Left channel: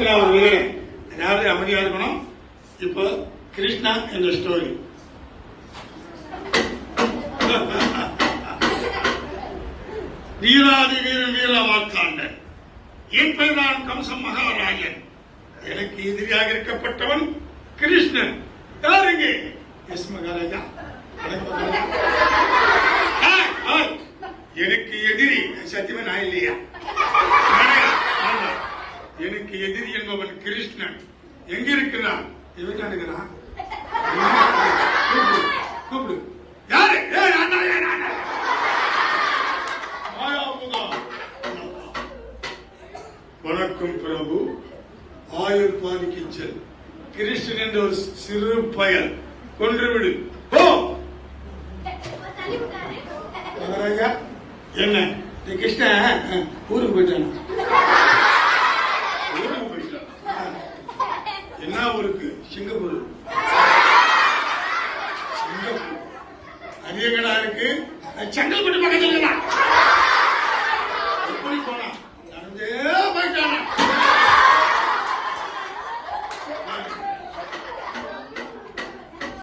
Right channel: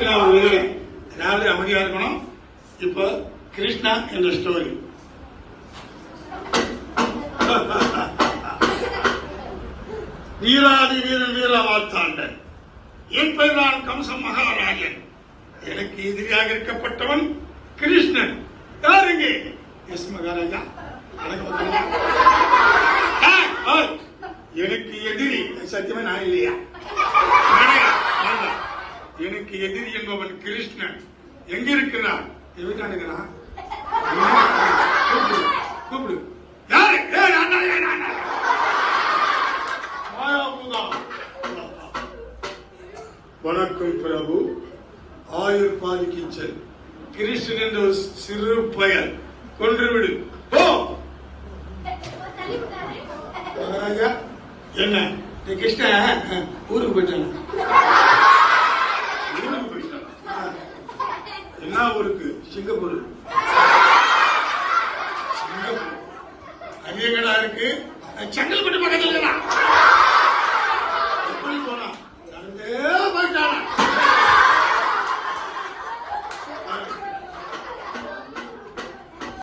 ஒரு விதம், அதாவது அமைதியா இருக்கணும். இப்போ கிருஷ்ணா என்ற ஸ்டோரி. வீராதி வீரன் வீரமாத்தாண்டன், என் பெயர் தான் கம்ச மகாராஜன். எனக்கு எதிரியாக இருக்கப்பட்டவன் கிருஷ்ணன். யாருங்க? எஸ் மகாராஜா. எனக்கு எதிரி சத்தியமே நான் இல்லையா? எனக்கு எதிரி என்பவன் கிருஷ்ணன். எங்க இருக்கிறான்? இருக்கிறான். கூப்பிடு. யாரு? வணக்கம் பிரபு. ஆயுர் பாதிக்கிச்சல் கிருஷ்ணன் என்ற ஒரு சிறு பயல் கொன்றுவிடு. என்ன கிருஷ்ணன் ஊருக்கு போயிட்டான். என்ன ஊருக்கு? சிங்கப்பூர். அதிக வீடா இருக்கு. செங்கல்பட்டு